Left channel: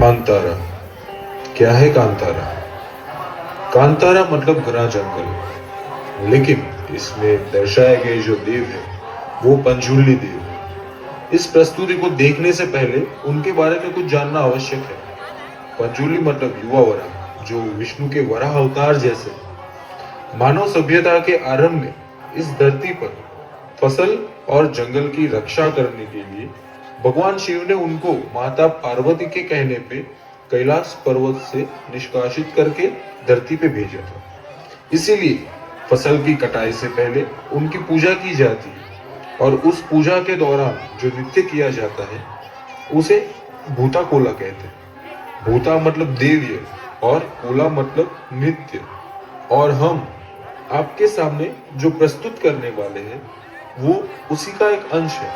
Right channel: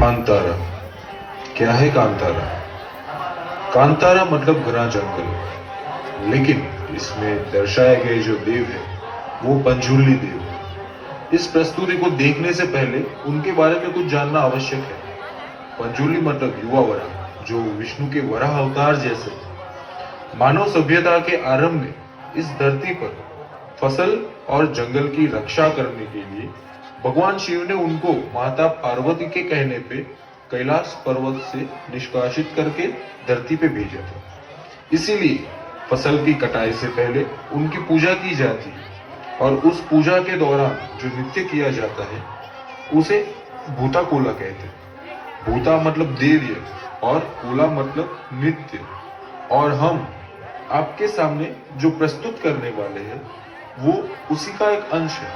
कांतारा। क्या है कांतारा? कांतारा मतलब घना जंगल, लेकिन इसमें दर्शाए गए जो देव है वो पंजुर्ली देव है। इस प्रस्तुति को देखने से पहले उनके बारे में कुछ जानना आवश्यक है। पंजुर्ली मतलब युवा वराह, जो विष्णु के वराह अवतार जैसे मानव सभ्यता के आरंभ में इस धरती पर फसल और जंगल की रक्षा करने के लिए भगवान शिव ने उनको माता पार्वती के कहने पे कैलाश पर्वत से निष्कासित करके धरती पे भेजा था। इसीलिए फसल की कटाई से पहले उनकी पूजा की जाती है और उस पूजा के दौरान जो नृत्य किया जाता है उसे भूता कोला कहते हैं। भूता मतलब देव्य और कोला मतलब नृत्य। और हम आपके सामने जो प्रस्तुत करने वाले हैं वो उसी का एक अंश है।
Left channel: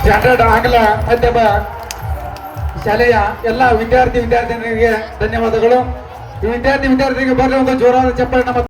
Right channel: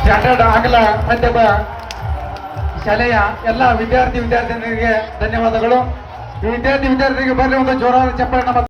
ಸ್ಟ್ಯಾಂಡರ್ಡ್ ಆಂಗ್ಲ ಮಾಧ್ಯಮ ಶಾಲೆಯ ಎಲ್ಲ ವಿದ್ಯಾರ್ಥಿನಿಯರಿಗೆ ಧನ್ಯವಾದಗಳು. ಈ ವಿದ್ಯಾರ್ಥಿನಿಯರಿಗೆ ಬರಲಿ ಒಂದು ಜೋರಾದ ಚಪ್ಪಾಳೆ.